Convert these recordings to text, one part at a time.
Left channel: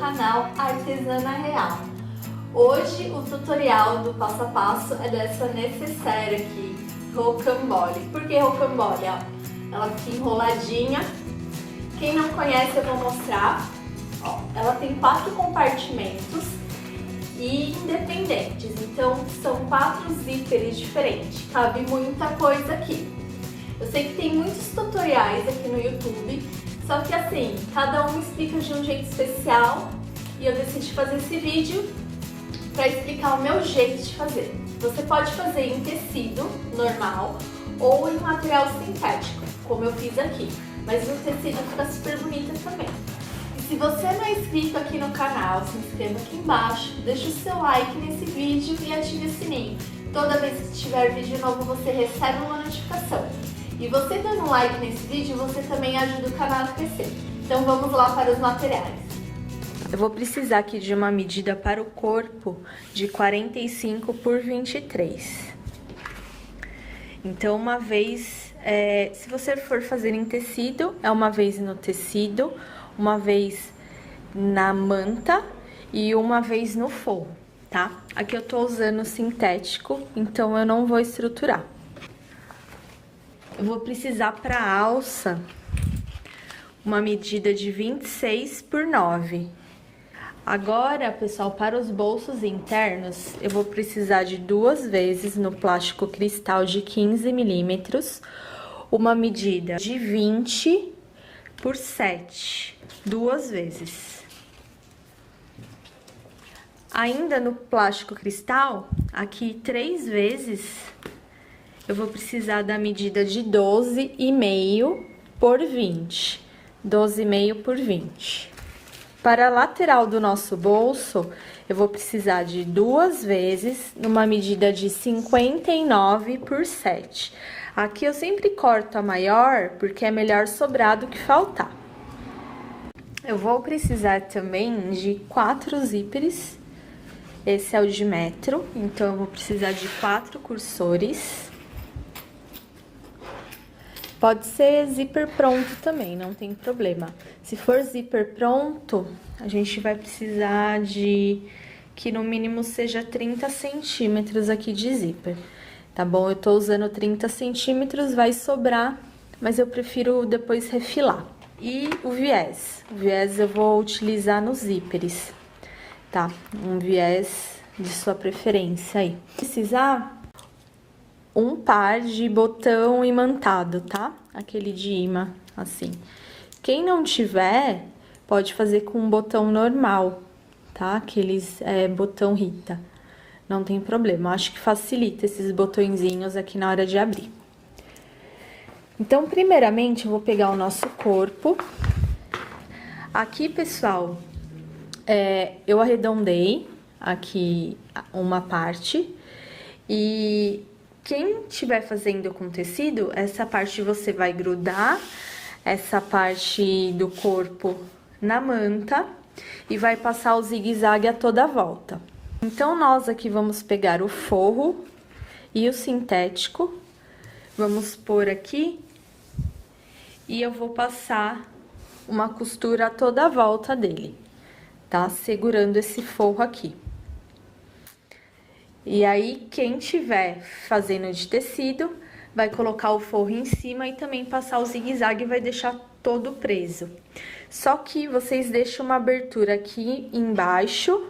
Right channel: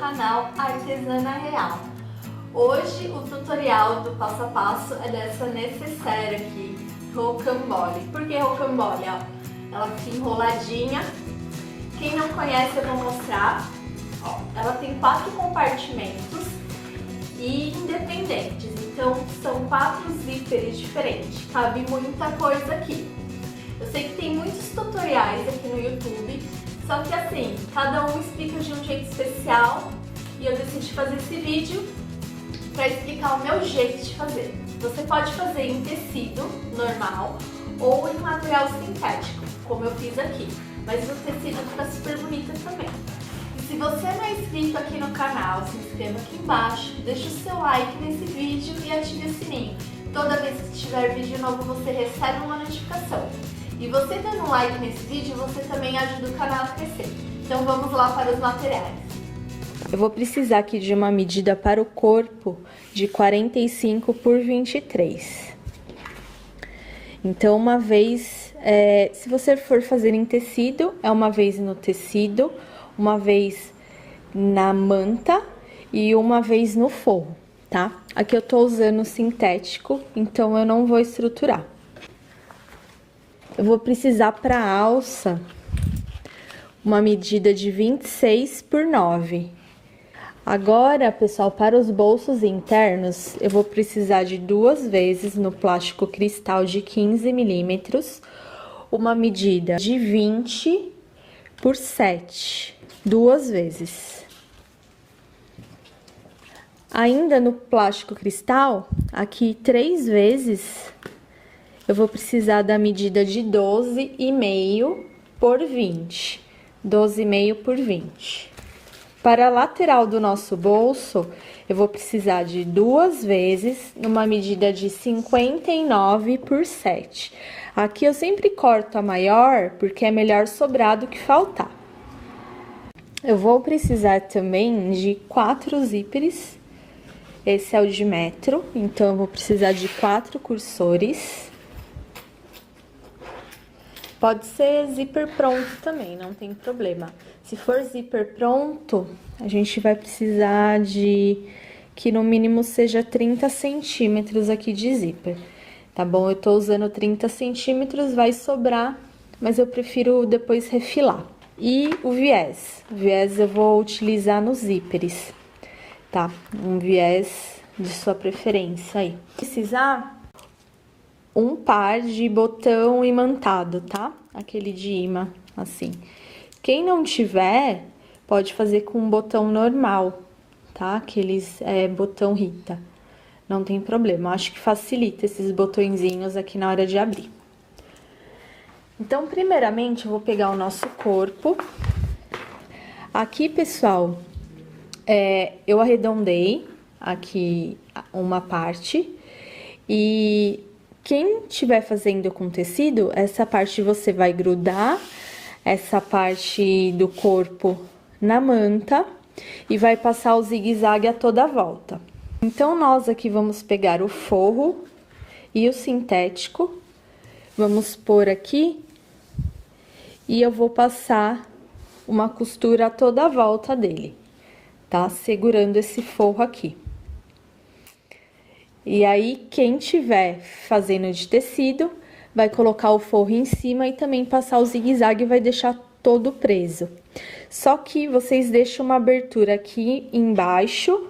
canal Artesana Real. Hoje o tutorial do passo a passo é dessa necessaire aqui, rocambole. Por que rocambole? Ó, ela fica enroladinha. Quem não conhece eu vou mostrar. Ó, ela tem 4 compartimentos e independentes, então são 4 zíperes diferentes, cabe muita coisa aqui. Eu sei que tem muitos tutoriais aqui no YouTube, só que assim, cada um explica de um jeito especial e eu decidi fazer esse vídeo para explicar o meu jeito de fazer. Você pode fazer em tecido normal ou em material sintético, como eu fiz aqui, mas o tecido fica super bonito também. Se você não é inscrito aqui no canal, se inscreva aqui embaixo, deixe o seu like nesse vídeo e ative o sininho. Toda vez que tiver vídeo novo, você recebe uma notificação. E você dando um like nesse vídeo, você também ajuda o canal a crescer. Então vamos lá para os materiais. Eu vou precisar aqui de uma medida para o corpo de 45 por 23. Então, uma vez, se você for fazer em tecido, é uma vez no tecido, uma vez na manta e uma vez no forro, tá? Aqui eu tô usando sintético, então eu não vou estruturar. Eu vou precisar para alça uma medida de 26 por 9. Agora, pessoal, para os bolsos internos, eu vou precisar de 2 vezes no plástico cristal de 15 milímetros, uma medida de 20 por 7. 2 vezes. Ainda no plástico cristal, aqui 3 vezes, eu vou precisar da medida de 12,5 por 20. 12,5 por 20. Para a lateral do nosso bolso, eu vou precisar de 2 vezes, numa medida de 59 por 7. Aqui eu sempre corto a maior, porque é melhor sobrar do que faltar. Eu vou precisar também de 4 zíperes, esse é o de metro, então eu vou precisar de 4 cursores. Pode ser zíper pronto também, não tem problema. Se for zíper pronto, a gente vai precisar de que no mínimo seja 30 centímetros aqui de zíper, tá bom? Eu tô usando 30 centímetros, vai sobrar, mas eu prefiro depois refilar. E o viés eu vou utilizar nos zíperes, tá? Um viés de sua preferência aí. Precisar um par de botão imantado, tá? Aquele de imã, assim. Quem não tiver, pode fazer com um botão normal, tá? Aqueles botão Rita. Não tem problema, acho que facilita esses botõezinhos aqui na hora de abrir. Então, primeiramente, eu vou pegar o nosso corpo. Aqui, pessoal, eu arredondei aqui uma parte. E quem estiver fazendo com tecido, essa parte você vai grudar essa parte do corpo na manta e vai passar o zigue-zague a toda a volta. Então, nós aqui vamos pegar o forro e o sintético, vamos pôr aqui. E eu vou passar uma costura a toda a volta dele, tá? Segurando esse forro aqui. E aí, quem tiver fazendo de tecido, vai colocar o forro em cima e também passar o zigue-zague e vai deixar todo preso. Só que vocês deixam uma abertura aqui embaixo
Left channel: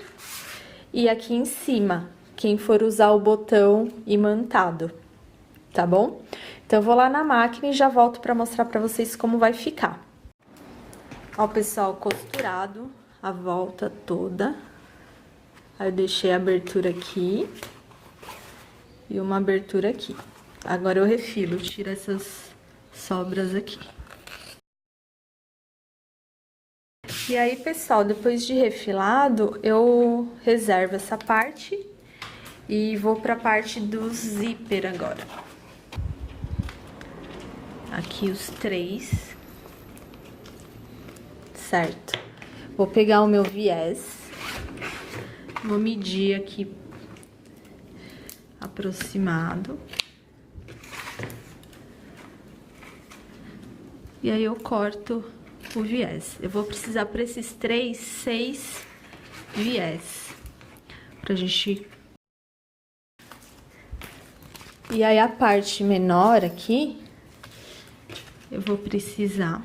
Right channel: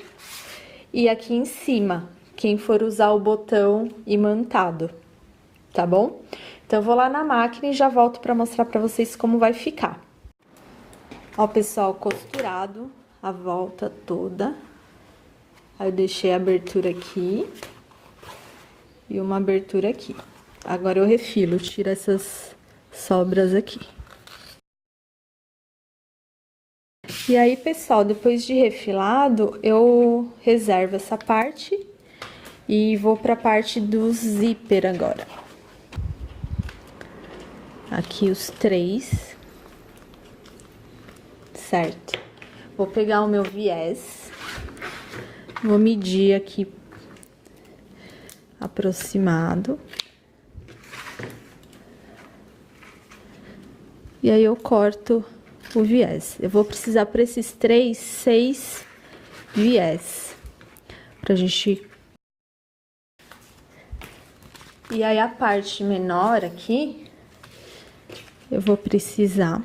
e aqui em cima, quem for usar o botão imantado, tá bom? Então, eu vou lá na máquina e já volto pra mostrar pra vocês como vai ficar. Ó, pessoal, costurado a volta toda. Aí, eu deixei a abertura aqui e uma abertura aqui. Agora, eu refilo, tiro essas sobras aqui. E aí, pessoal, depois de refilado, eu reservo essa parte e vou pra parte do zíper agora. Aqui os 3, certo? Vou pegar o meu viés, vou medir aqui aproximado. E aí eu corto o viés. Eu vou precisar para esses 3, 6 viés. Pra gente... E aí, a parte menor aqui, eu vou precisar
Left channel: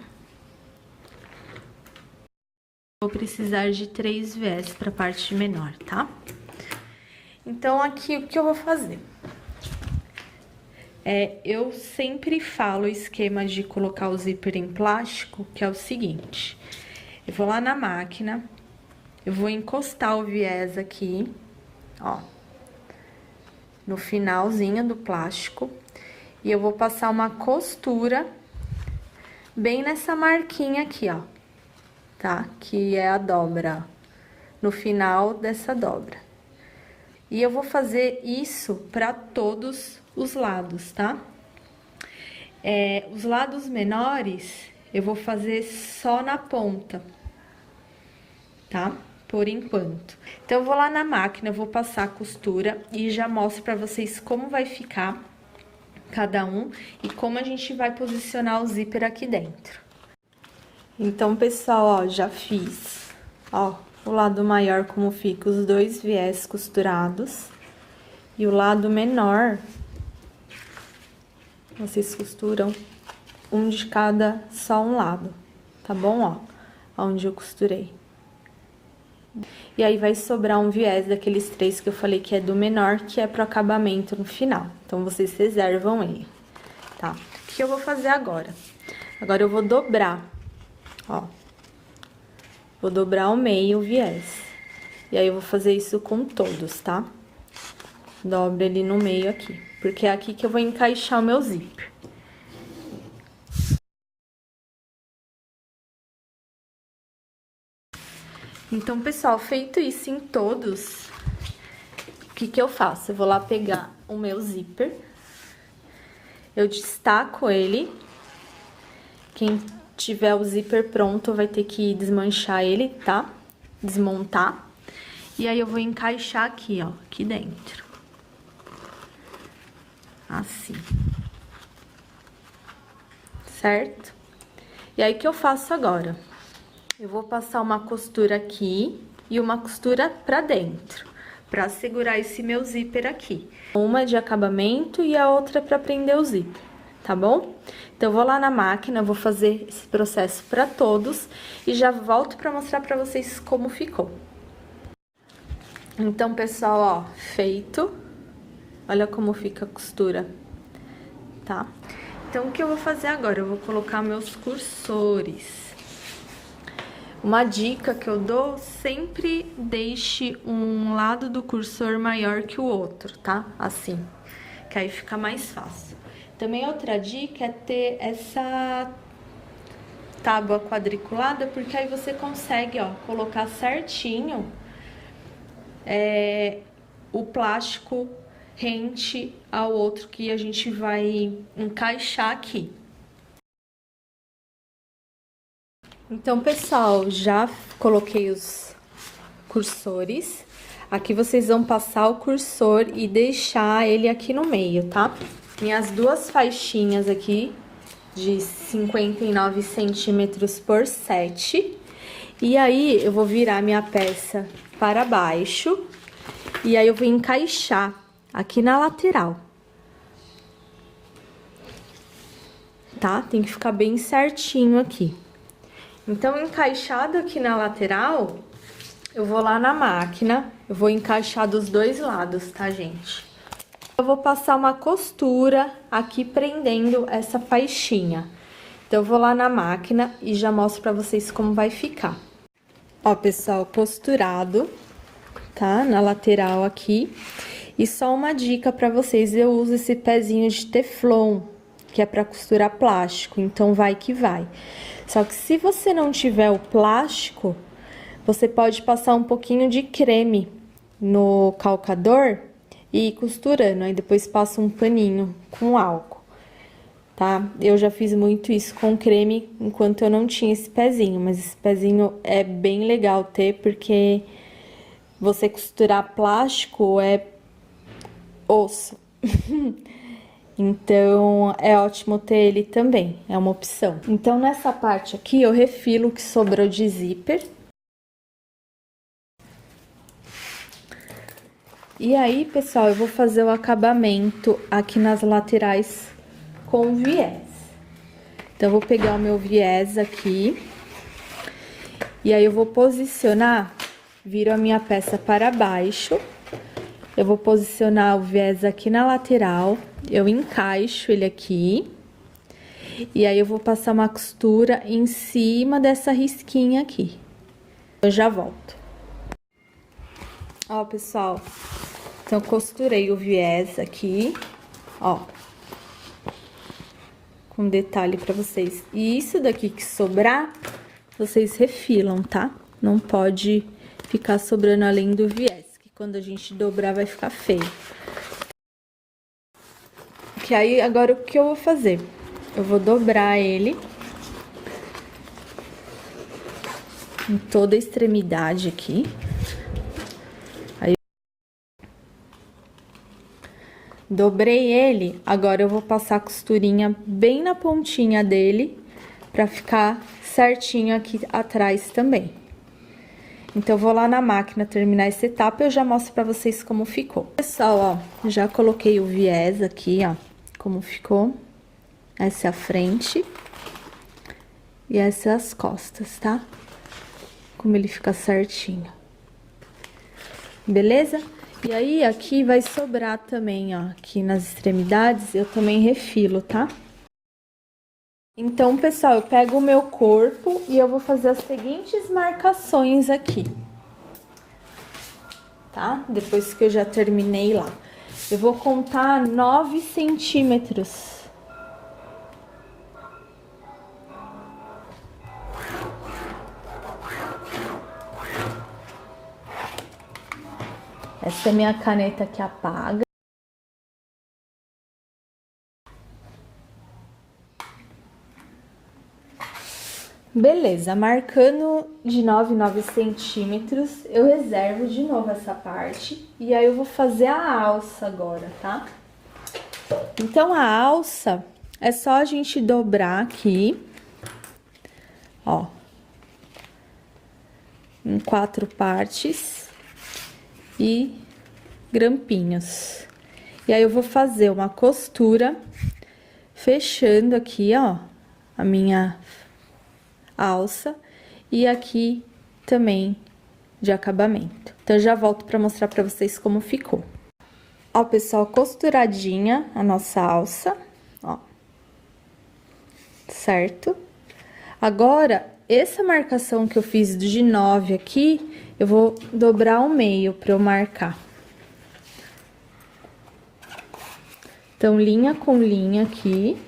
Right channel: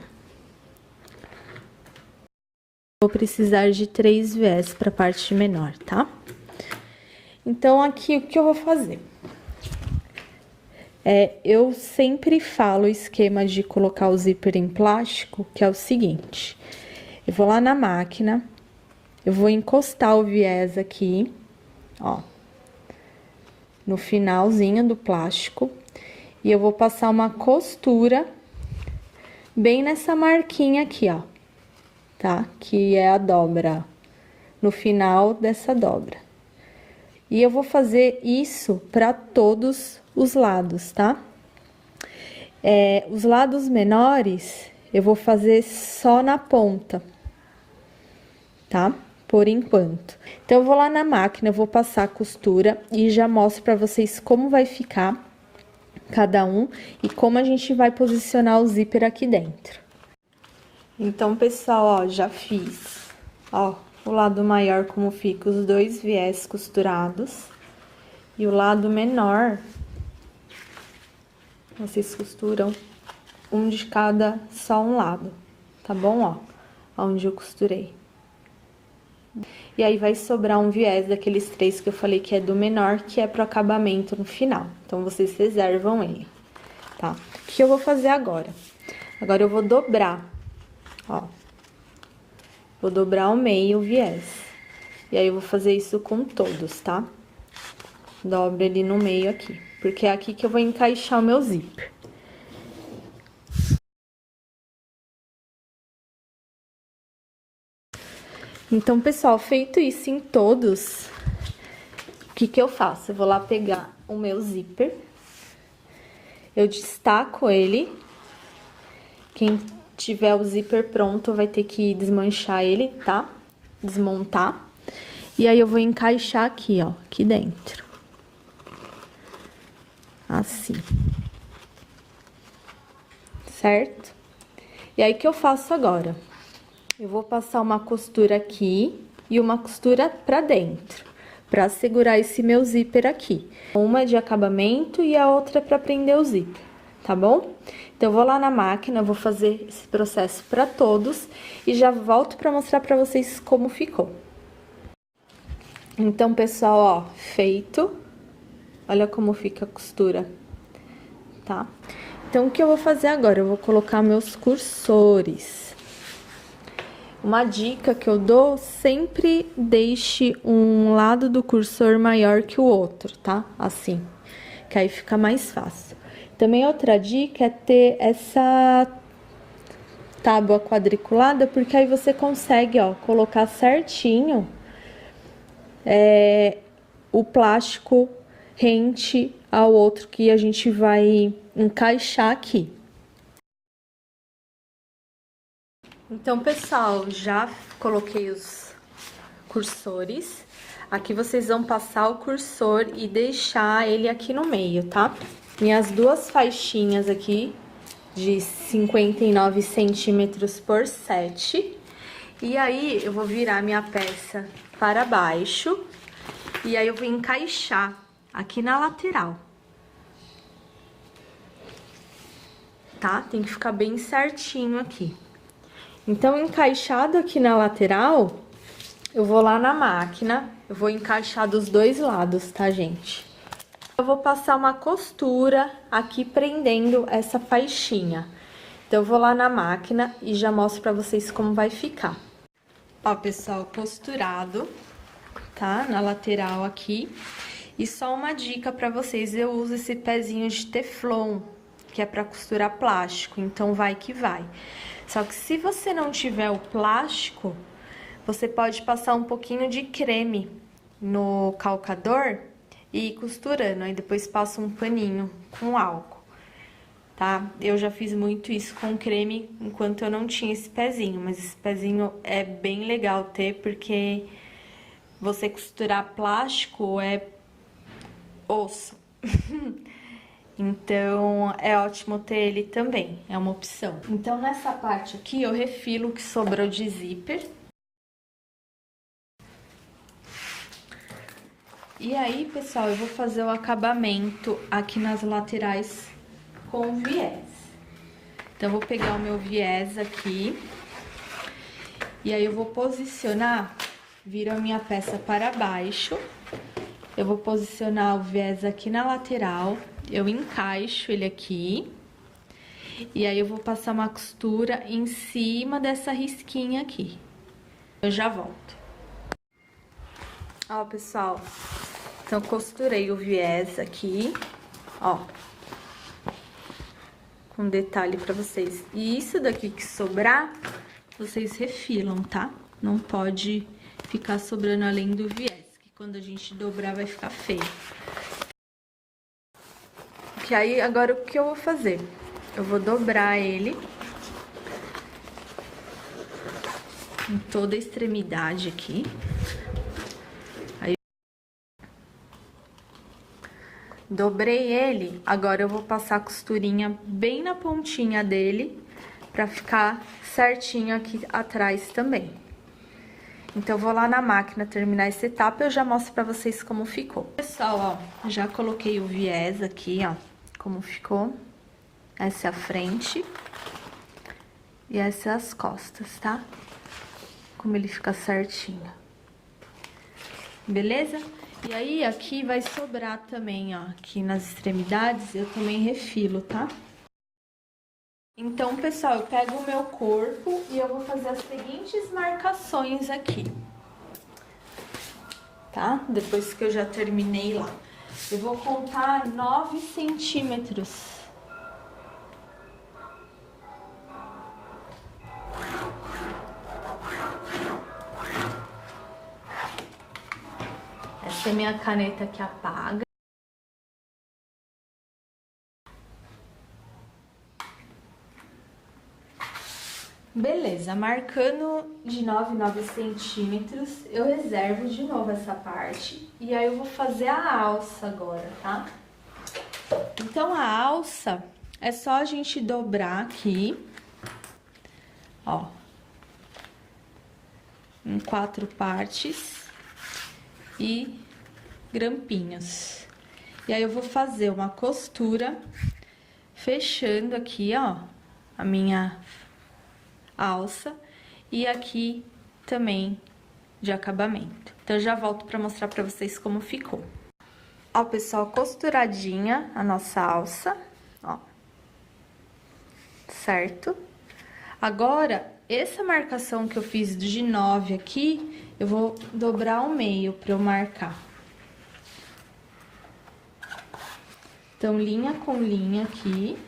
de 3 viés para a parte menor, tá? Então, aqui, o que eu vou fazer? Eu sempre falo o esquema de colocar o zíper em plástico, que é o seguinte. Eu vou lá na máquina, eu vou encostar o viés aqui, ó, no finalzinho do plástico, e eu vou passar uma costura bem nessa marquinha aqui, ó, tá? Que é a dobra, no final dessa dobra. E eu vou fazer isso para todos os lados, tá? Os lados menores, eu vou fazer só na ponta, tá? Por enquanto. Então, eu vou lá na máquina, eu vou passar a costura e já mostro pra vocês como vai ficar cada um e como a gente vai posicionar o zíper aqui dentro. Então, pessoal, ó, já fiz, ó, o lado maior como fica os 2 viés costurados e o lado menor, vocês costuram um de cada, só um lado, tá bom? Ó, onde eu costurei. E aí, vai sobrar um viés daqueles 3 que eu falei que é do menor, que é pro acabamento no final. Então, vocês reservam ele, tá? O que eu vou fazer agora? Agora, eu vou dobrar, ó. Vou dobrar ao meio o viés. E aí, eu vou fazer isso com todos, tá? Dobro ele no meio aqui, porque é aqui que eu vou encaixar o meu zíper. Então, pessoal, feito isso em todos, o que que eu faço? Eu vou lá pegar o meu zíper, eu destaco ele. Quem tiver o zíper pronto vai ter que desmanchar ele, tá? Desmontar. E aí, eu vou encaixar aqui, ó, aqui dentro. Assim. Certo? E aí, o que eu faço agora? Eu vou passar uma costura aqui e uma costura pra dentro, pra segurar esse meu zíper aqui. Uma de acabamento e a outra pra prender o zíper, tá bom? Então, eu vou lá na máquina, vou fazer esse processo pra todos e já volto pra mostrar pra vocês como ficou. Então, pessoal, ó, feito. Olha como fica a costura, tá? Então, o que eu vou fazer agora? Eu vou colocar meus cursores. Uma dica que eu dou, sempre deixe um lado do cursor maior que o outro, tá? Assim, que aí fica mais fácil. Também outra dica é ter essa tábua quadriculada, porque aí você consegue, ó, colocar certinho o plástico rente ao outro que a gente vai encaixar aqui. Então, pessoal, já coloquei os cursores. Aqui vocês vão passar o cursor e deixar ele aqui no meio, tá? Minhas 2 faixinhas aqui de 59 centímetros por 7. E aí, eu vou virar minha peça para baixo. E aí, eu vou encaixar aqui na lateral. Tá? Tem que ficar bem certinho aqui. Então, encaixado aqui na lateral, eu vou lá na máquina, eu vou encaixar dos 2 lados, tá, gente? Eu vou passar uma costura aqui prendendo essa faixinha. Então, eu vou lá na máquina e já mostro pra vocês como vai ficar. Ó, pessoal, costurado, tá? Na lateral aqui. E só uma dica pra vocês, eu uso esse pezinho de teflon, que é pra costurar plástico, então vai que vai. Só que se você não tiver o plástico, você pode passar um pouquinho de creme no calcador e ir costurando. Aí depois passa um paninho com álcool, tá? Eu já fiz muito isso com creme enquanto eu não tinha esse pezinho, mas esse pezinho é bem legal ter, porque você costurar plástico é osso. Então, é ótimo ter ele também, é uma opção. Então, nessa parte aqui, eu refilo o que sobrou de zíper. E aí, pessoal, eu vou fazer o acabamento aqui nas laterais com viés. Então, eu vou pegar o meu viés aqui. E aí, eu vou posicionar, viro a minha peça para baixo. Eu vou posicionar o viés aqui na lateral, eu encaixo ele aqui. E aí, eu vou passar uma costura em cima dessa risquinha aqui. Eu já volto. Ó, pessoal, então, costurei o viés aqui, ó. Com detalhe pra vocês. E isso daqui que sobrar, vocês refilam, tá? Não pode ficar sobrando além do viés. Quando a gente dobrar, vai ficar feio. Que aí, agora, o que eu vou fazer? Eu vou dobrar ele em toda a extremidade aqui. Aí, dobrei ele, agora eu vou passar a costurinha bem na pontinha dele, pra ficar certinho aqui atrás também. Então, eu vou lá na máquina terminar essa etapa e eu já mostro pra vocês como ficou. Pessoal, ó, já coloquei o viés aqui, ó, como ficou. Essa é a frente e essa é as costas, tá? Como ele fica certinho. Beleza? E aí, aqui vai sobrar também, ó, aqui nas extremidades, eu também refilo, tá? Então, pessoal, eu pego o meu corpo e eu vou fazer as seguintes marcações aqui, tá? Depois que eu já terminei lá. Eu vou contar 9 centímetros. Essa é a minha caneta que apaga. Beleza, marcando de 9 centímetros, eu reservo de novo essa parte. E aí, eu vou fazer a alça agora, tá? Então, a alça é só a gente dobrar aqui, ó, em 4 partes e grampinhos. E aí, eu vou fazer uma costura fechando aqui, ó, a minha alça e aqui também de acabamento. Então, eu já volto pra mostrar pra vocês como ficou. Ó, pessoal, costuradinha a nossa alça, ó, certo? Agora, essa marcação que eu fiz de 9 aqui, eu vou dobrar ao meio pra eu marcar. Então, linha com linha aqui.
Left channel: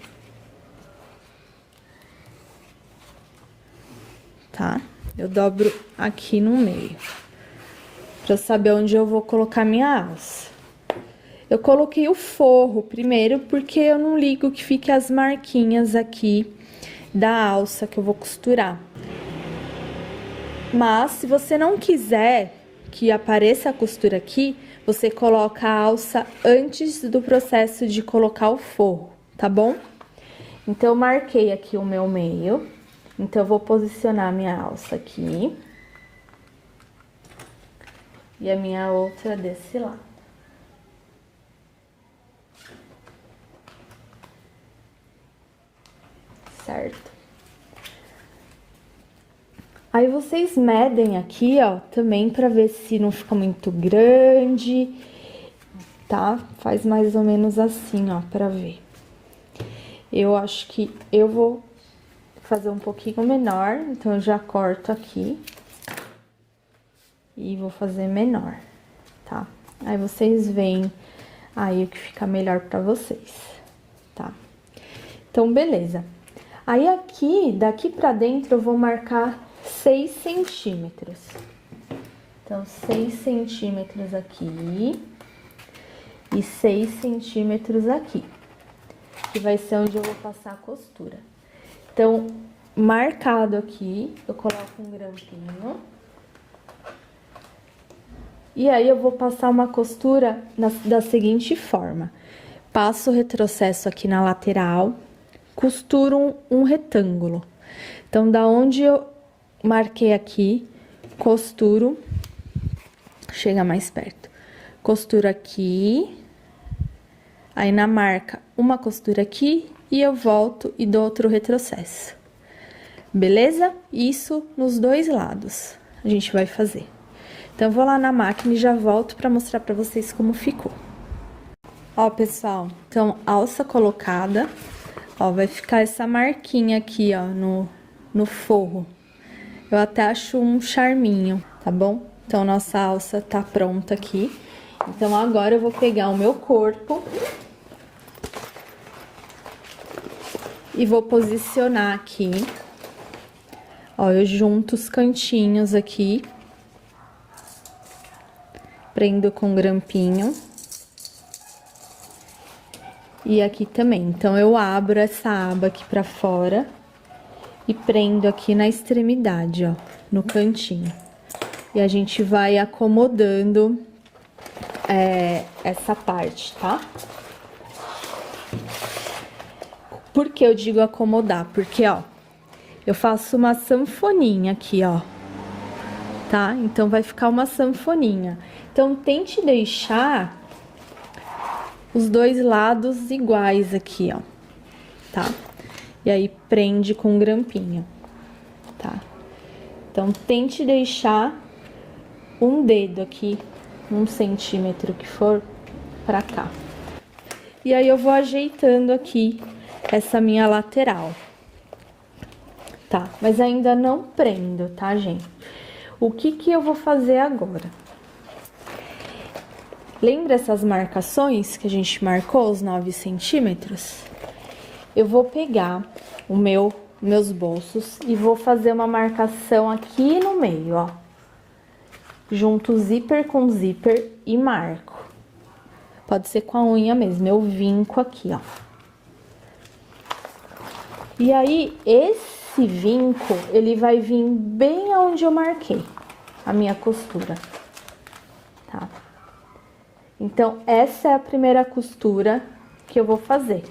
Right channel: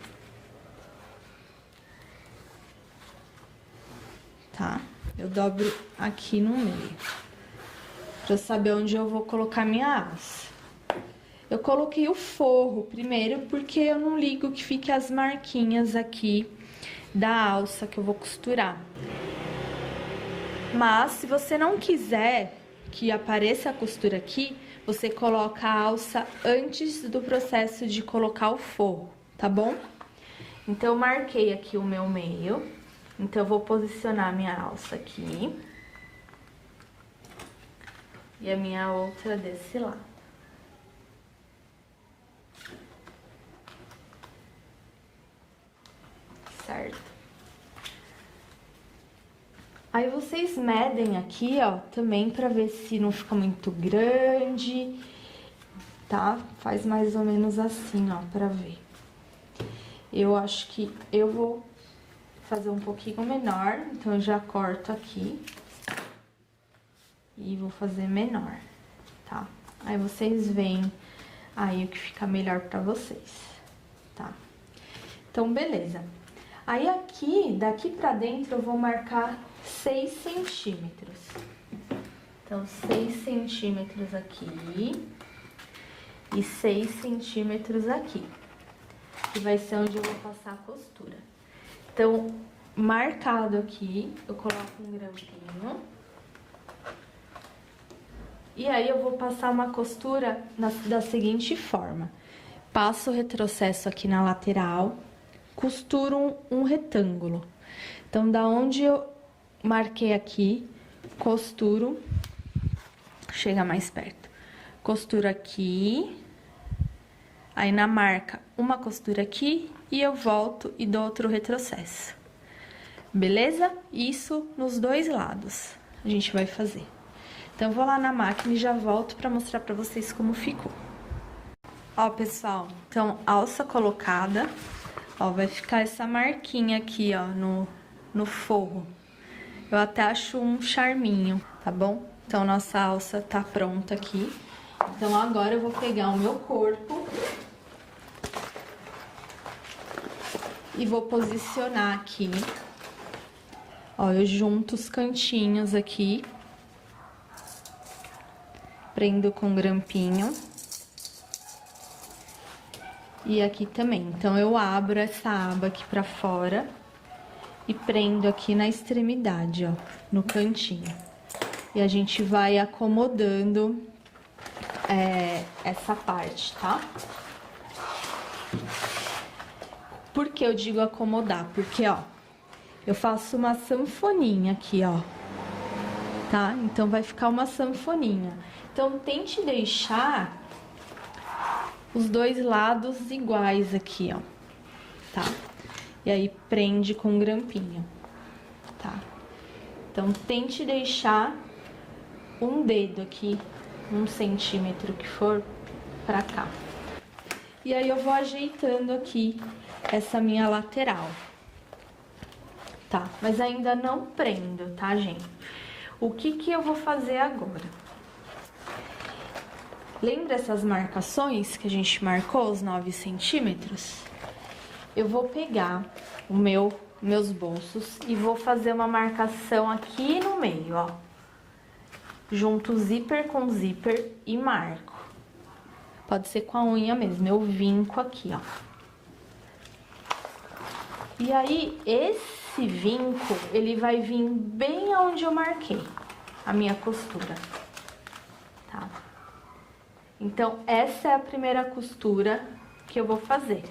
Tá? Eu dobro aqui no meio, pra eu saber onde eu vou colocar minha alça. Eu coloquei o forro primeiro, porque eu não ligo que fique as marquinhas aqui da alça que eu vou costurar. Mas, se você não quiser que apareça a costura aqui, você coloca a alça antes do processo de colocar o forro, tá bom? Então, eu marquei aqui o meu meio. Então, eu vou posicionar minha alça aqui. E a minha outra desse lado. Certo? Aí, vocês medem aqui, ó, também pra ver se não fica muito grande, tá? Faz mais ou menos assim, ó, pra ver. Eu acho que eu vou fazer um pouquinho menor, então eu já corto aqui e vou fazer menor, tá? Aí vocês veem aí o que fica melhor pra vocês, tá? Então, beleza. Aí aqui, daqui pra dentro, eu vou marcar 6 centímetros. Então, 6 centímetros aqui e 6 centímetros aqui, que vai ser onde eu vou passar a costura. Então, marcado aqui, eu coloco um grampinho. E aí, eu vou passar uma costura da seguinte forma. passo o retrocesso aqui na lateral, costuro um retângulo. Então, da onde eu marquei aqui, costuro, chega mais perto, costuro aqui, aí na marca, uma costura aqui, e eu volto e dou outro retrocesso. Beleza? Isso nos dois lados a gente vai fazer. Então, eu vou lá na máquina e já volto pra mostrar pra vocês como ficou. Ó, pessoal, então, alça colocada, ó, vai ficar essa marquinha aqui, ó, no forro. Eu até acho um charminho, tá bom? Então, nossa alça tá pronta aqui. Então, agora eu vou pegar o meu corpo e vou posicionar aqui. Ó, eu junto os cantinhos aqui, prendo com grampinho. E aqui também. Então, eu abro essa aba aqui pra fora e prendo aqui na extremidade, ó, no cantinho. E a gente vai acomodando essa parte, tá? Por que eu digo acomodar? Porque, ó, eu faço uma sanfoninha aqui, ó, tá? Então, vai ficar uma sanfoninha. Então, tente deixar os dois lados iguais aqui, ó, tá? E aí, prende com grampinho, tá? Então, tente deixar um dedo aqui, 1 centímetro que for, pra cá. E aí, eu vou ajeitando aqui essa minha lateral, tá? Mas ainda não prendo, tá, gente? O que eu vou fazer agora? Lembra essas marcações que a gente marcou, os 9 centímetros? Eu vou pegar meus bolsos e vou fazer uma marcação aqui no meio, ó. Junto zíper com zíper e marco. Pode ser com a unha mesmo, eu vinco aqui, ó. E aí, esse vinco, ele vai vir bem aonde eu marquei a minha costura, tá? Então, essa é a primeira costura que eu vou fazer.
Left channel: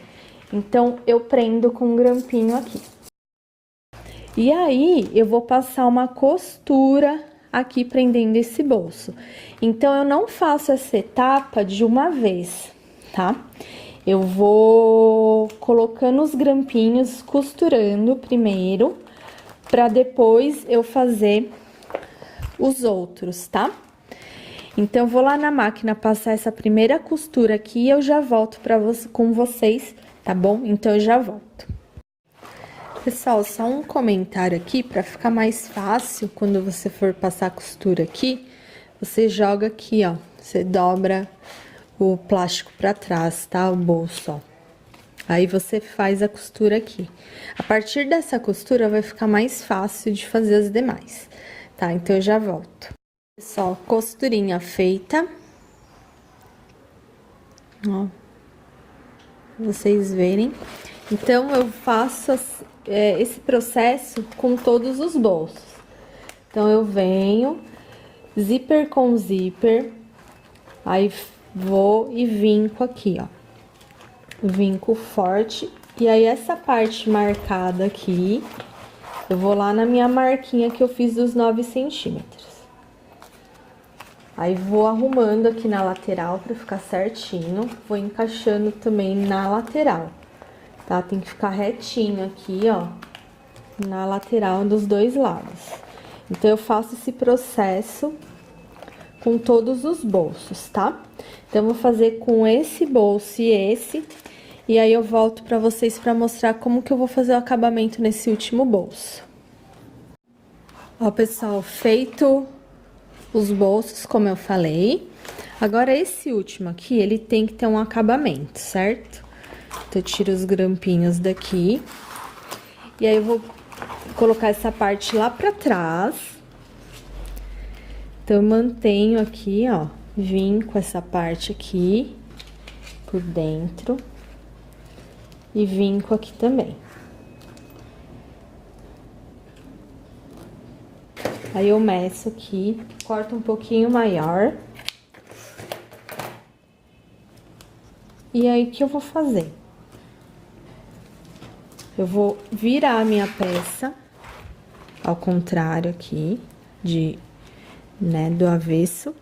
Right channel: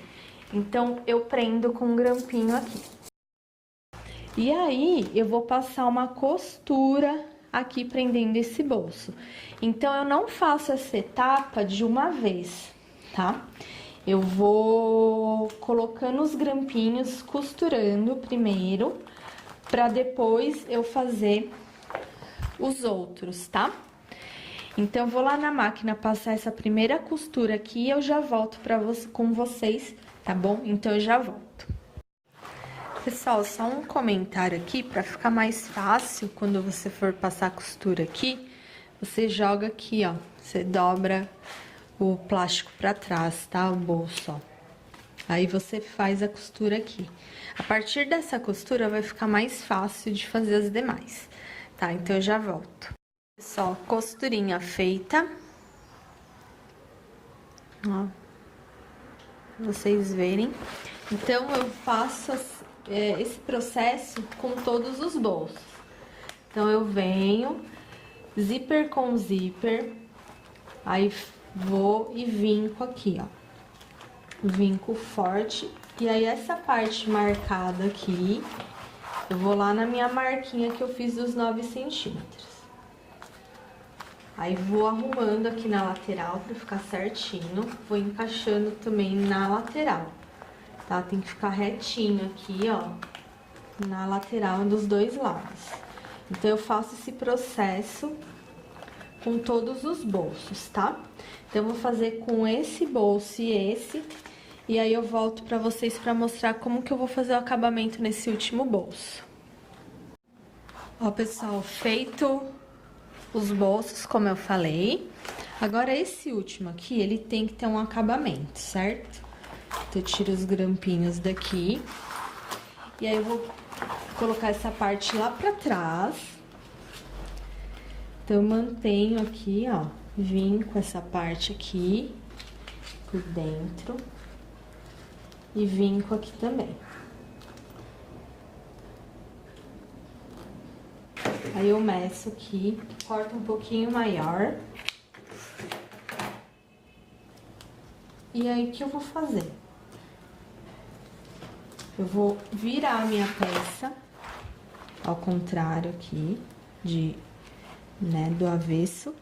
Então, eu prendo com um grampinho aqui. E aí, eu vou passar uma costura aqui prendendo esse bolso. Então, eu não faço essa etapa de uma vez, tá? Eu vou colocando os grampinhos, costurando primeiro, pra depois eu fazer os outros, tá? Então, eu vou lá na máquina passar essa primeira costura aqui e eu já volto com vocês, tá bom? Então, eu já volto. Pessoal, só um comentário aqui, pra ficar mais fácil, quando você for passar a costura aqui, você joga aqui, ó, você dobra o plástico pra trás, tá? O bolso, ó. Aí, você faz a costura aqui. A partir dessa costura, vai ficar mais fácil de fazer as demais, tá? Então, eu já volto. Pessoal, costurinha feita. Ó. Pra vocês verem. Então, eu faço esse processo com todos os bolsos. Então, eu venho, zíper com zíper, aí vou e vinco aqui, ó. Vinco forte. E aí, essa parte marcada aqui, eu vou lá na minha marquinha que eu fiz dos 9 centímetros. Aí, vou arrumando aqui na lateral pra ficar certinho. Vou encaixando também na lateral, tá? Tem que ficar retinho aqui, ó, na lateral dos dois lados. Então, eu faço esse processo com todos os bolsos, tá? Então, eu vou fazer com esse bolso e esse. E aí, eu volto pra vocês pra mostrar como que eu vou fazer o acabamento nesse último bolso. Ó, pessoal, feito os bolsos, como eu falei. Agora, esse último aqui, ele tem que ter um acabamento, certo? Então, eu tiro os grampinhos daqui. E aí, eu vou colocar essa parte lá pra trás. Então, eu mantenho aqui, ó, vinco essa parte aqui por dentro. E vinco aqui também. Aí, eu meço aqui, corto um pouquinho maior. E aí, o que eu vou fazer? Eu vou virar a minha peça ao contrário aqui, do avesso.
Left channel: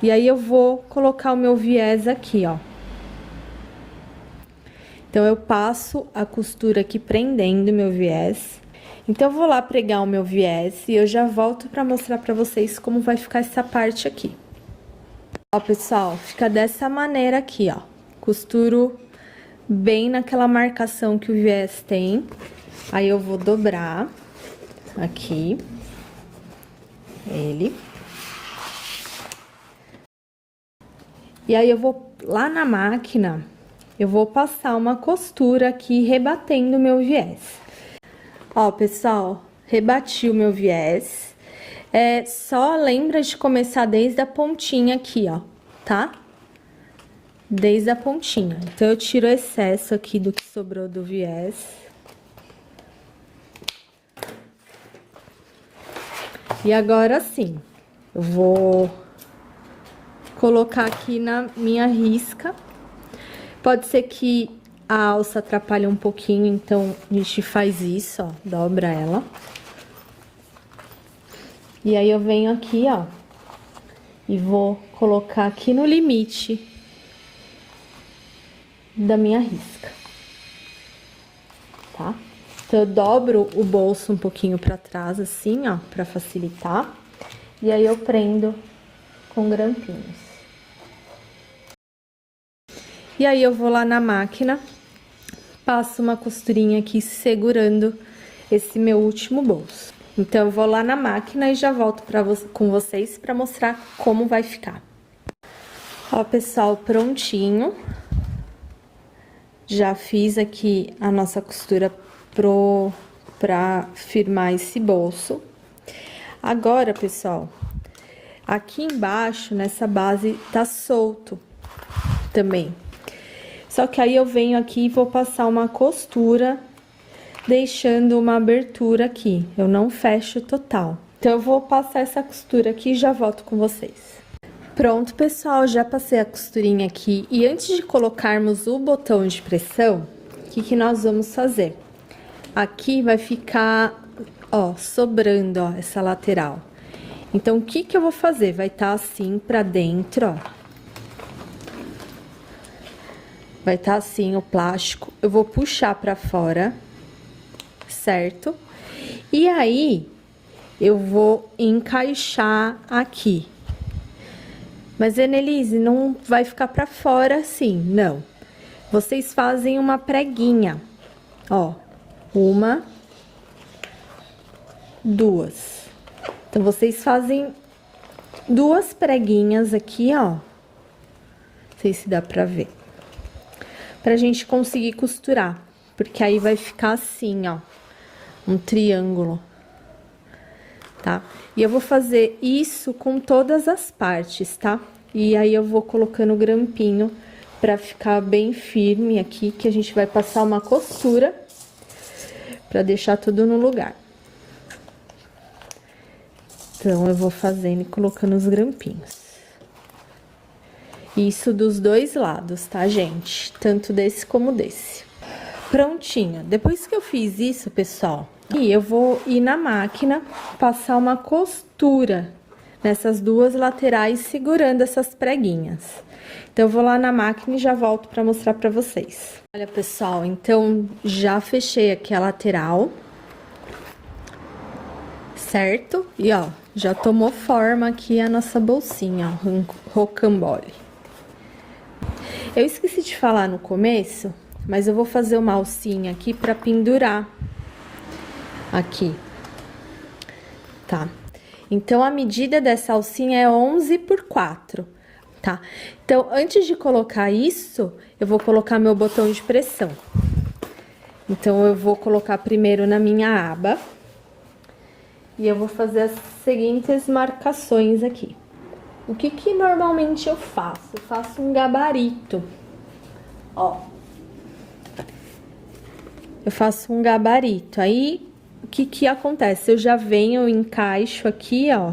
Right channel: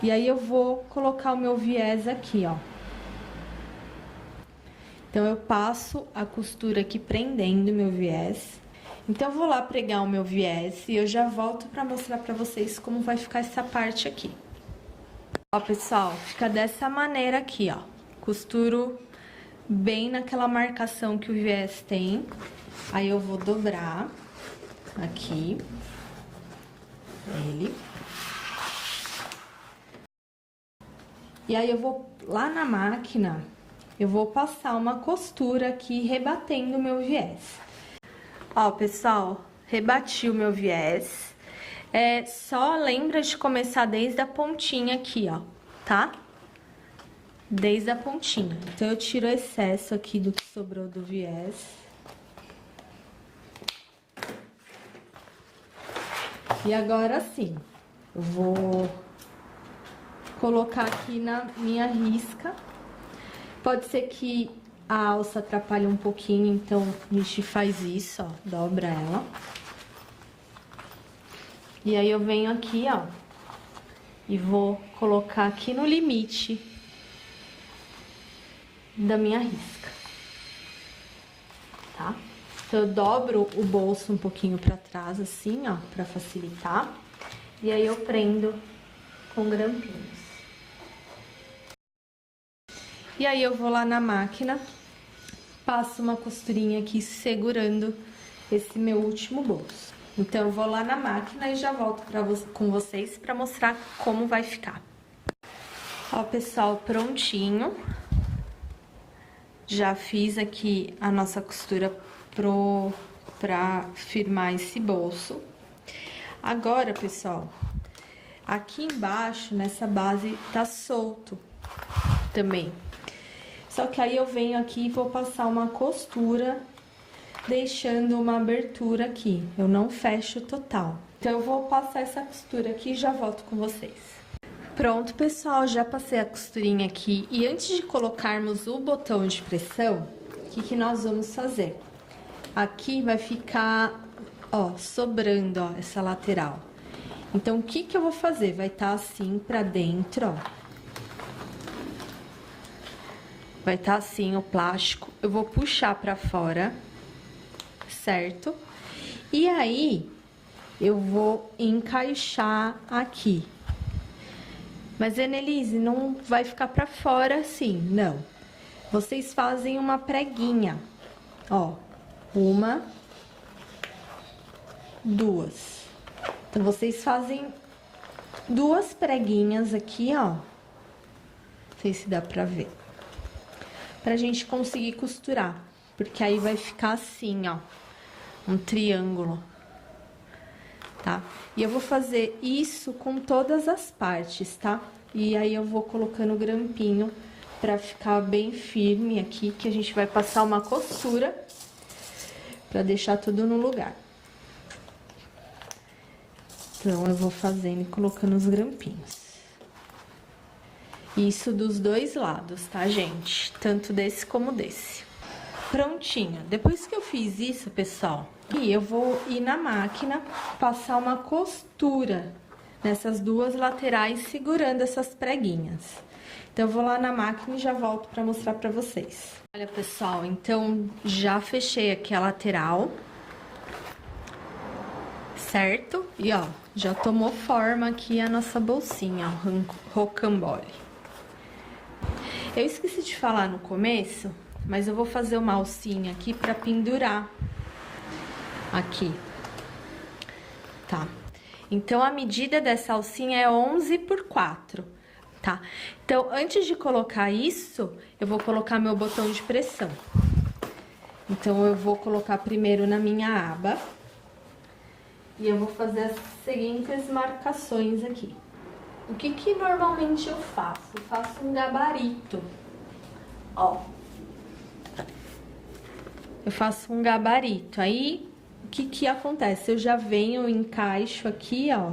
E aí, eu vou colocar o meu viés aqui, ó. Então, eu passo a costura aqui prendendo meu viés. Então, eu vou lá pregar o meu viés e eu já volto pra mostrar pra vocês como vai ficar essa parte aqui. Ó, pessoal, fica dessa maneira aqui, ó. Costuro bem naquela marcação que o viés tem. Aí, eu vou dobrar aqui ele. E aí, eu vou lá na máquina, eu vou passar uma costura aqui, rebatendo o meu viés. Ó, pessoal, rebati o meu viés. Só lembra de começar desde a pontinha aqui, ó, tá? Desde a pontinha. Então, eu tiro o excesso aqui do que sobrou do viés. E agora sim, eu vou colocar aqui na minha risca. Pode ser que a alça atrapalhe um pouquinho, então a gente faz isso, ó, dobra ela. E aí, eu venho aqui, ó, e vou colocar aqui no limite da minha risca, tá? Então, eu dobro o bolso um pouquinho pra trás, assim, ó, pra facilitar. E aí, eu prendo com grampinhos. E aí, eu vou lá na máquina, passo uma costurinha aqui segurando esse meu último bolso. Então, eu vou lá na máquina e já volto com vocês pra mostrar como vai ficar. Ó, pessoal, prontinho. Já fiz aqui a nossa costura pra firmar esse bolso. Agora, pessoal, aqui embaixo, nessa base, tá solto também. Só que aí, eu venho aqui e vou passar uma costura, deixando uma abertura aqui. Eu não fecho total. Então, eu vou passar essa costura aqui e já volto com vocês. Pronto, pessoal, já passei a costurinha aqui. E antes de colocarmos o botão de pressão, o que nós vamos fazer? Aqui vai ficar, ó, sobrando, ó, essa lateral. Então, o que eu vou fazer? Vai estar assim pra dentro, ó. Vai estar assim o plástico. Eu vou puxar pra fora, certo? E aí, eu vou encaixar aqui. Mas, Enelise, não vai ficar pra fora assim, não. Vocês fazem uma preguinha, ó. Uma, duas. Então, vocês fazem duas preguinhas aqui, ó. Não sei se dá pra ver. Pra gente conseguir costurar. Porque aí vai ficar assim, ó. Um triângulo. Tá? E eu vou fazer isso com todas as partes, tá? E aí, eu vou colocando o grampinho pra ficar bem firme aqui, que a gente vai passar uma costura pra deixar tudo no lugar. Então, eu vou fazendo e colocando os grampinhos. Isso dos dois lados, tá, gente? Tanto desse como desse. Prontinho. Depois que eu fiz isso, pessoal, e eu vou ir na máquina, passar uma costura nessas duas laterais, segurando essas preguinhas. Então, eu vou lá na máquina e já volto pra mostrar pra vocês. Olha, pessoal, então, já fechei aqui a lateral, certo? E, ó, já tomou forma aqui a nossa bolsinha, ó, rocambole. Eu esqueci de falar no começo, mas eu vou fazer uma alcinha aqui pra pendurar aqui, tá? Então, a medida dessa alcinha é 11 por 4, tá? Então, antes de colocar isso, eu vou colocar meu botão de pressão. Então, eu vou colocar primeiro na minha aba. E eu vou fazer as seguintes marcações aqui. O que normalmente eu faço? Eu faço um gabarito, ó. Eu faço um gabarito. Aí, o que acontece? Eu já venho, eu encaixo aqui, ó.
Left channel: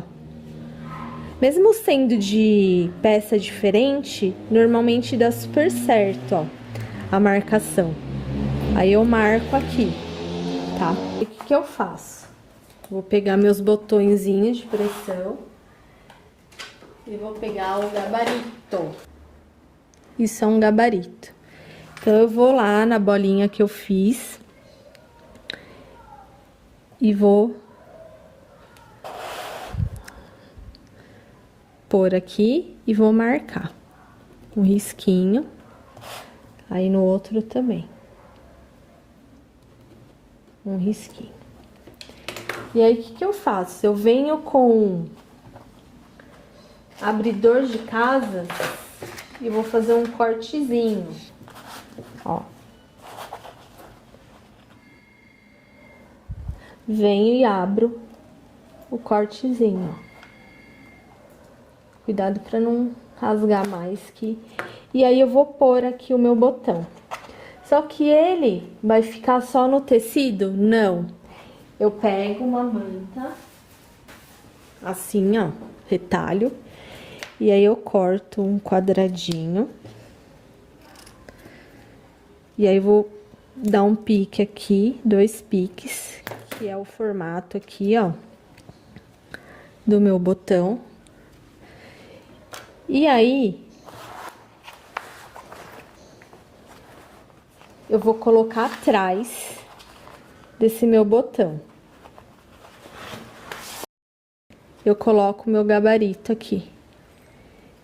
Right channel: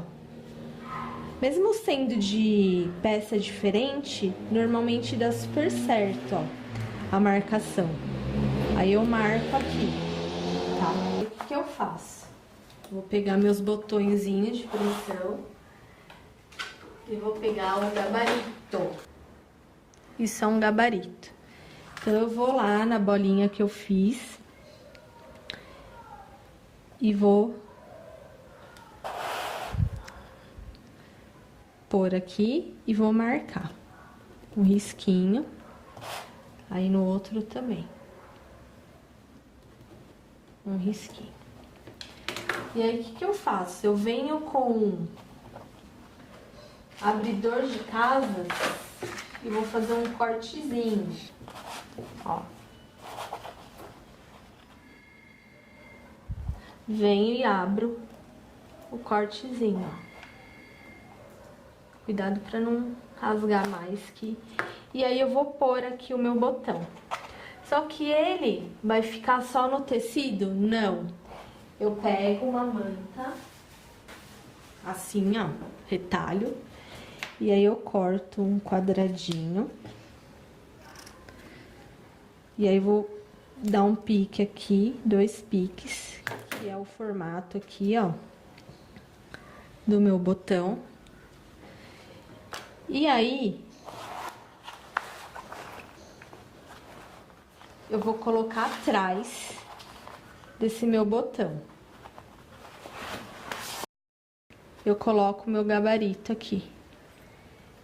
Mesmo sendo de peça diferente, normalmente dá super certo, ó, a marcação. Aí eu marco aqui, tá? E o que eu faço? Vou pegar meus botõezinhos de pressão e vou pegar o gabarito. Isso é um gabarito. Então, eu vou lá na bolinha que eu fiz e vou pôr aqui e vou marcar um risquinho, aí no outro também, um risquinho. E aí, o que eu faço? Eu venho com abridor de casas e vou fazer um cortezinho, ó. Venho e abro o cortezinho, ó. Cuidado pra não rasgar mais que... E aí, eu vou pôr aqui o meu botão. Só que ele vai ficar só no tecido? Não. Eu pego uma manta, assim, ó, retalho. E aí, eu corto um quadradinho. E aí, vou dar um pique aqui, 2 piques, que é o formato aqui, ó, do meu botão. E aí, eu vou colocar atrás desse meu botão. Eu coloco o meu gabarito aqui.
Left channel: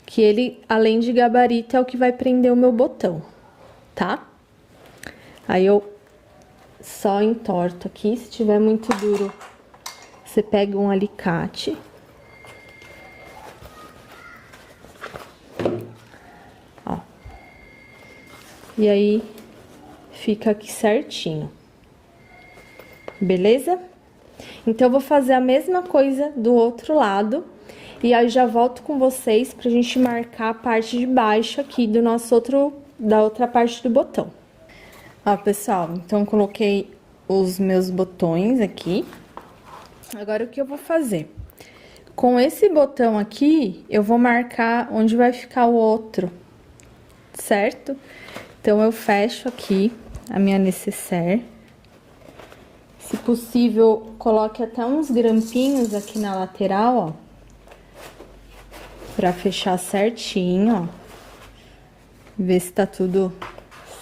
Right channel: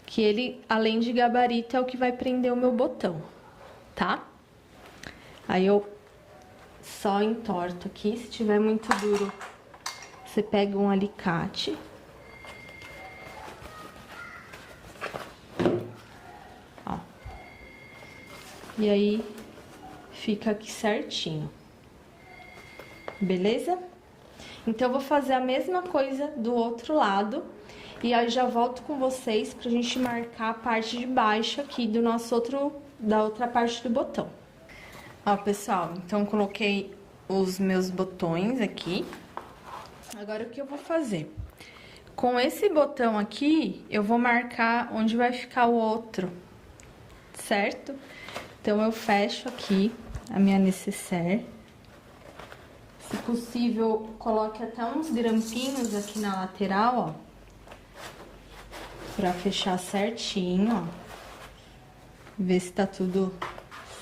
Que ele, além de gabarito, é o que vai prender o meu botão, tá? Aí, eu só entorto aqui. Se tiver muito duro, você pega um alicate. Ó. E aí, fica aqui certinho. Beleza? Então, eu vou fazer a mesma coisa do outro lado. E aí, já volto com vocês pra gente marcar a parte de baixo aqui do da outra parte do botão. Ó, pessoal, então, coloquei os meus botões aqui. Agora, o que eu vou fazer? Com esse botão aqui, eu vou marcar onde vai ficar o outro, certo? Então, eu fecho aqui a minha nécessaire. Se possível, coloque até uns grampinhos aqui na lateral, ó. Pra fechar certinho, ó. Ver se tá tudo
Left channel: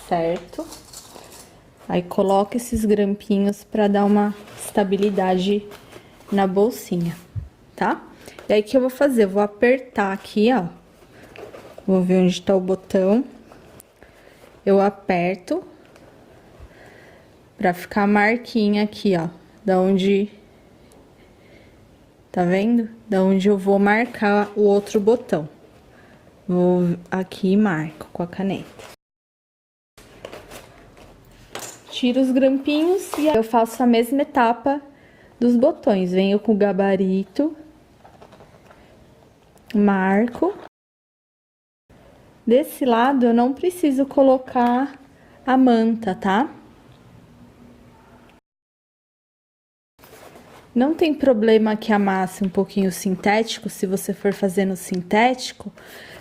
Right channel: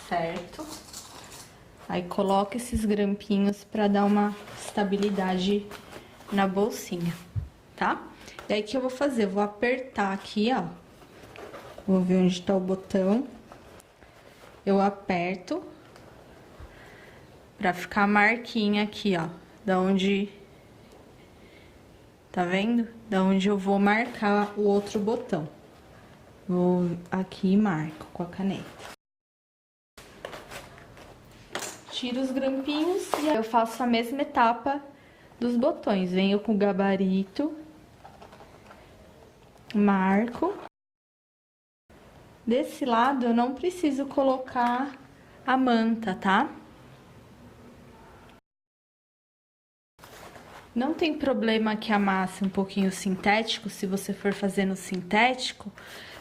certo. Aí, coloca esses grampinhos pra dar uma estabilidade na bolsinha, tá? E aí, o que eu vou fazer? Eu vou apertar aqui, ó. Vou ver onde tá o botão. Eu aperto pra ficar a marquinha aqui, ó. Da onde... Tá vendo? Da onde eu vou marcar o outro botão. Vou aqui e marco com a caneta. Tiro os grampinhos e aí eu faço a mesma etapa dos botões. Venho com o gabarito, marco. Desse lado eu não preciso colocar a manta, tá? Não tem problema que amasse um pouquinho sintético, se você for fazendo sintético,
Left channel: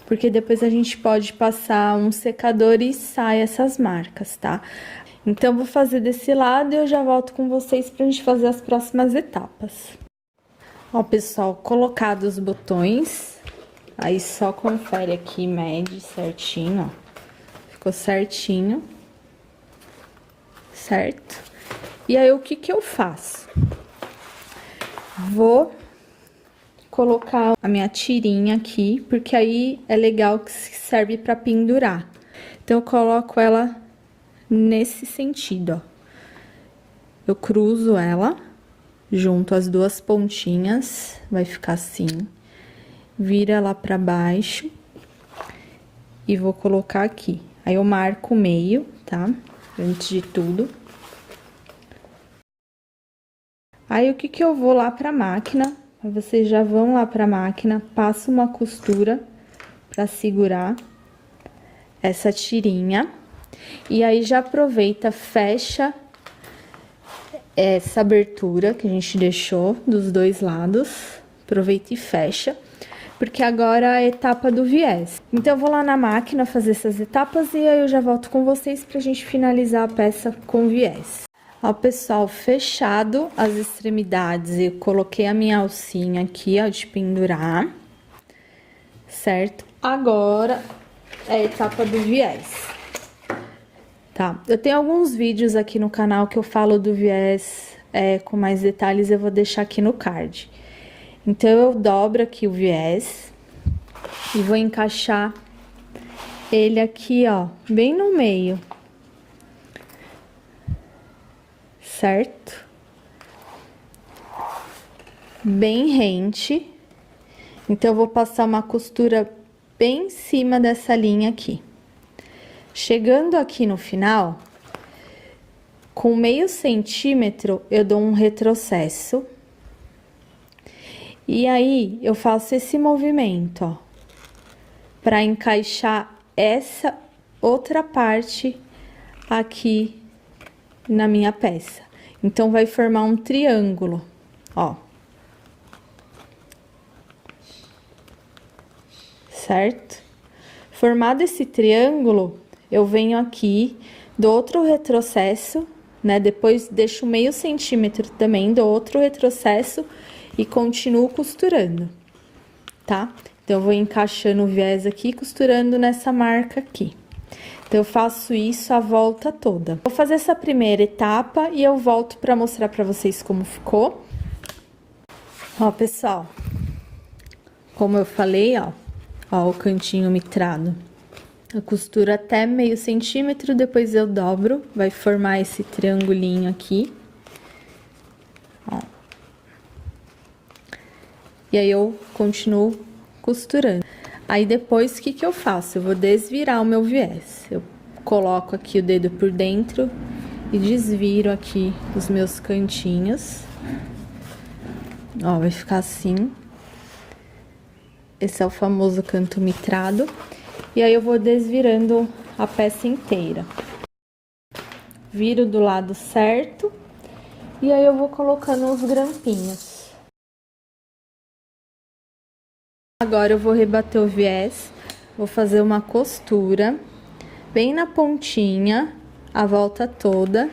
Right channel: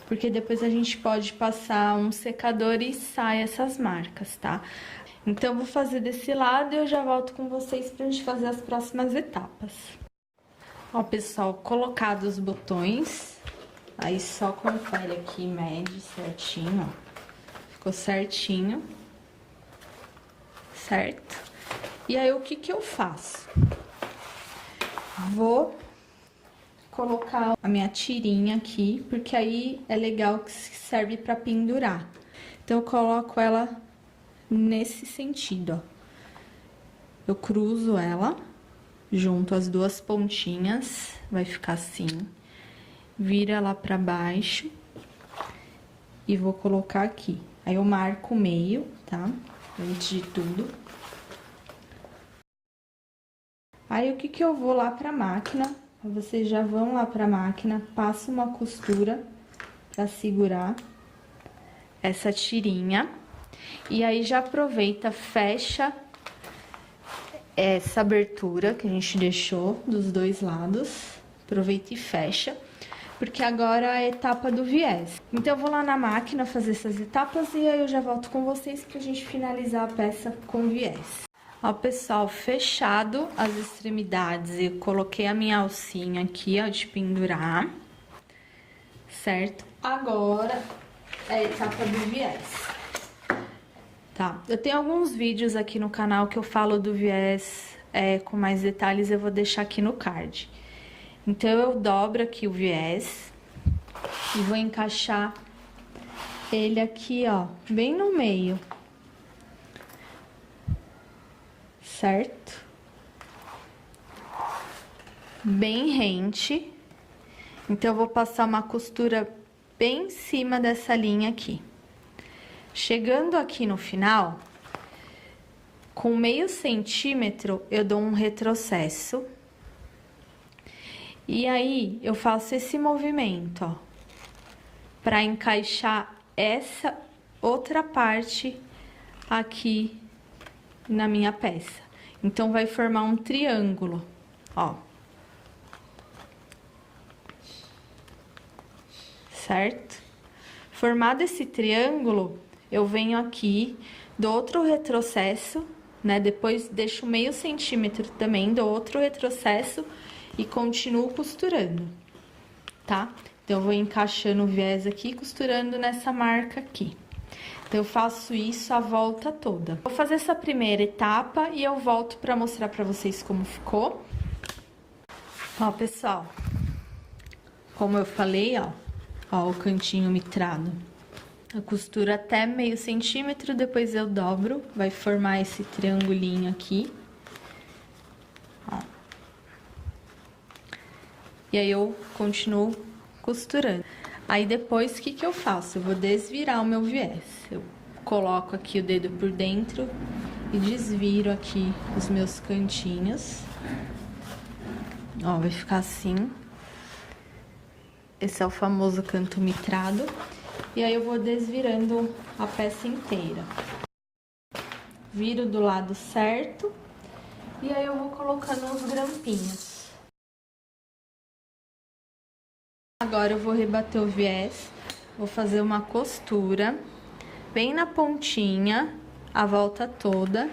porque depois a gente pode passar um secador e sai essas marcas, tá? Então, vou fazer desse lado e eu já volto com vocês pra gente fazer as próximas etapas. Ó, pessoal, colocados os botões, aí só confere aqui, mede certinho, ó. Ficou certinho, certo? E aí, o que que eu faço? Vou colocar a minha tirinha aqui, porque aí é legal que serve pra pendurar. Então, eu coloco ela nesse sentido, ó. Eu cruzo ela, junto as duas pontinhas, vai ficar assim. Vira lá pra baixo e vou colocar aqui. Aí, eu marco o meio, tá? Antes de tudo. Aí, o que que eu vou lá pra máquina? Vocês já vão lá pra máquina, passa uma costura pra segurar essa tirinha. E aí, já aproveita, fecha essa abertura que a gente deixou dos dois lados. Aproveita e fecha. porque agora é a etapa do viés. Então, eu vou lá na máquina fazer essas etapas e aí eu já volto com vocês pra gente finalizar a peça com viés. Ó, pessoal, fechado as extremidades, eu coloquei a minha alcinha aqui, ó, de pendurar, certo? Agora é a etapa do viés, tá? Eu tenho alguns vídeos aqui no canal que eu falo do viés com mais detalhes, eu vou deixar aqui no card. Então, eu dobro aqui o viés e vou encaixar ele aqui, ó, bem no meio. Certo? Bem rente. Então, eu vou passar uma costura bem em cima dessa linha aqui. Chegando aqui no final, com meio centímetro, eu dou um retrocesso. E aí, eu faço esse movimento, ó, para encaixar essa outra parte aqui na minha peça. Então, vai formar um triângulo, ó. Certo? Formado esse triângulo, eu venho aqui, dou outro retrocesso, né? Depois, deixo meio centímetro também, dou outro retrocesso e continuo costurando, tá? Então, eu vou encaixando o viés aqui, costurando nessa marca aqui. Então, eu faço isso a volta toda. Vou fazer essa primeira etapa e eu volto pra mostrar pra vocês como ficou. Ó, pessoal, como eu falei, ó o cantinho mitrado. Eu costuro até meio centímetro, depois eu dobro, vai formar esse triangulinho aqui. Ó. E aí, eu continuo costurando. Aí, depois, o que eu faço? Eu vou desvirar o meu viés. Eu coloco aqui o dedo por dentro e desviro aqui os meus cantinhos. Ó, vai ficar assim. Esse é o famoso canto mitrado. E aí, eu vou desvirando a peça inteira. Viro do lado certo. E aí, eu vou colocando os grampinhos. Agora, eu vou rebater o viés, vou fazer uma costura bem na pontinha, a volta toda.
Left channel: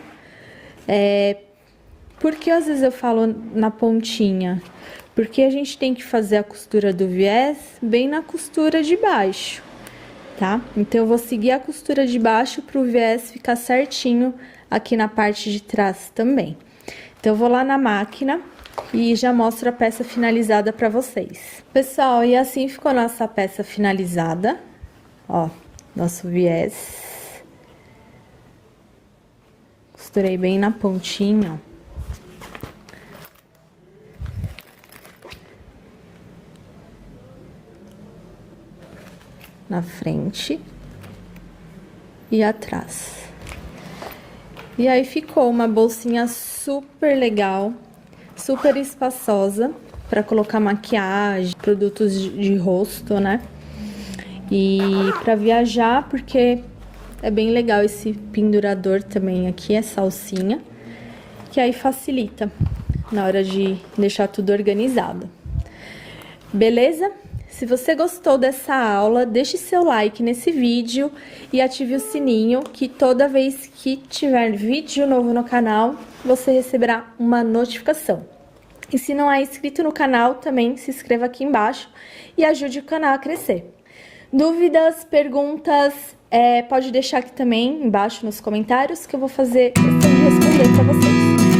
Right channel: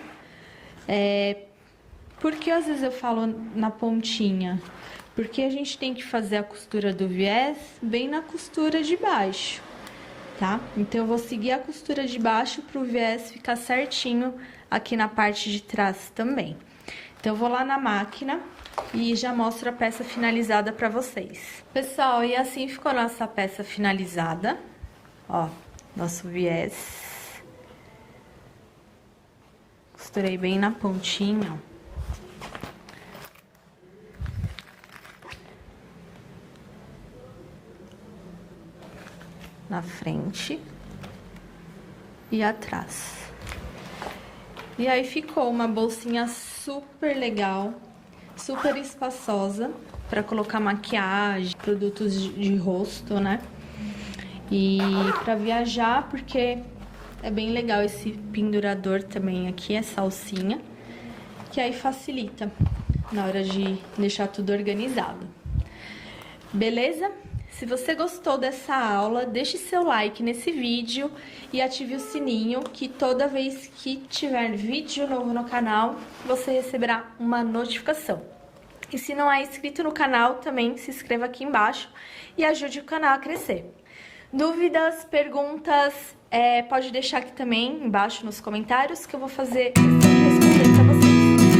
Por que às vezes eu falo na pontinha? Porque a gente tem que fazer a costura do viés bem na costura de baixo, tá? Então, eu vou seguir a costura de baixo pro viés ficar certinho aqui na parte de trás também. Então, eu vou lá na máquina e já mostro a peça finalizada pra vocês. Pessoal, e assim ficou a nossa peça finalizada. Ó, nosso viés. Costurei bem na pontinha, ó. Na frente e atrás. E aí, ficou uma bolsinha super legal, super espaçosa, para colocar maquiagem, produtos de rosto, né? E para viajar, porque é bem legal esse pendurador também aqui, essa alcinha, que aí facilita na hora de deixar tudo organizado. Beleza? Se você gostou dessa aula, deixe seu like nesse vídeo e ative o sininho, que toda vez que tiver vídeo novo no canal, você receberá uma notificação. E se não é inscrito no canal, também se inscreva aqui embaixo e ajude o canal a crescer. Dúvidas, perguntas, pode deixar aqui também embaixo nos comentários, que eu vou fazer questão de responder para vocês.